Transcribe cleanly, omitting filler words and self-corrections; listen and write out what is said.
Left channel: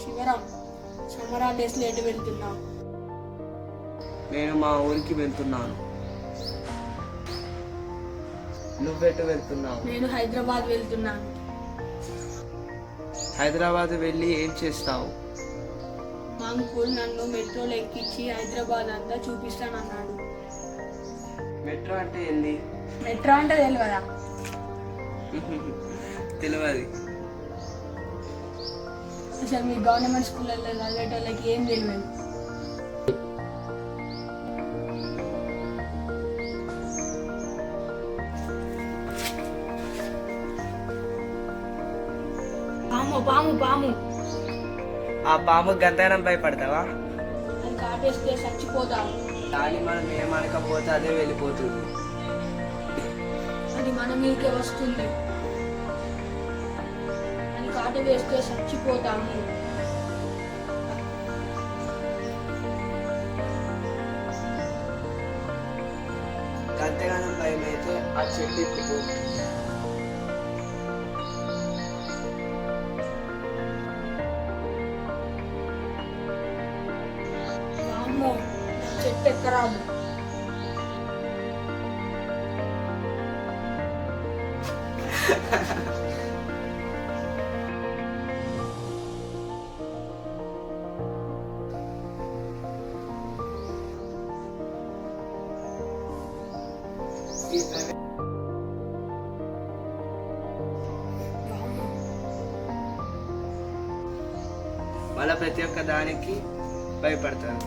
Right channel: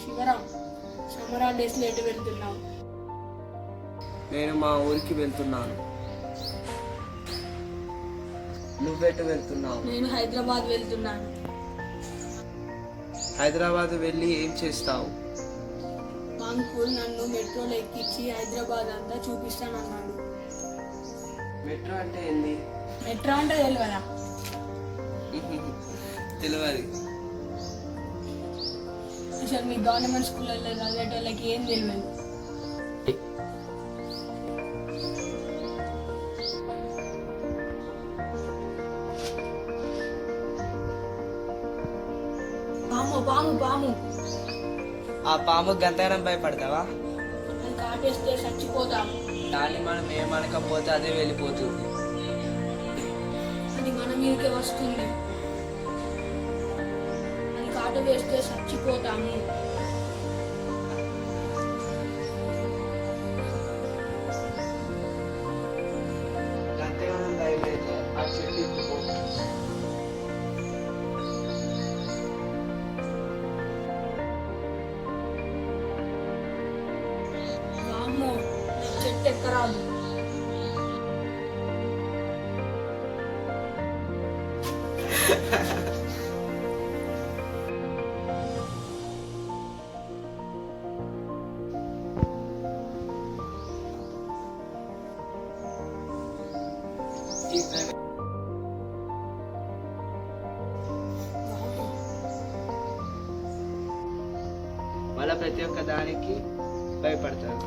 Sivaram, summer holidays ఎటు వెళ్తున్నావు? నేను మా ఊరికి వెళ్తున్నాను. నువ్వెటు వెళ్తున్నావు? నేను హైదరాబాద్ వెళ్తున్నాను. హైదరాబాద్ వెళ్ళి ఏం చేస్తావు? మా అంకుల్ నన్ను మెట్రోలో ఎక్కించి హైదరాబాద్ అంతా చూపిస్తానన్నాడు. మెట్రో అంటే ఏంది? మెట్రో అంటే తెలియదా? తెలియదు. అసలు మీ గవర్నమెంట్ స్కూళ్ళల్లో చదివేటోళ్ళకి ఏం తెలియదు. పాము పాము పాము. ఆ పాము గంతగనం భయపడతావా? అది కాటేస్తే చచ్చిపోతాము. దాన్ని మనం ఏమనకపోతే అదే వెళ్ళిపోతుంది. అది మన మీదకే వస్తుంది. అది కాటు వేస్తే చచ్చిపోతాము. గంతగనం భయం అయితే ఆ చెట్టు ఎక్కుపో. వామ్మో, చెట్టు ఎక్కరాదు. మళ్ళీ ప్రతి ఒక్క దానికి భయపడతారు.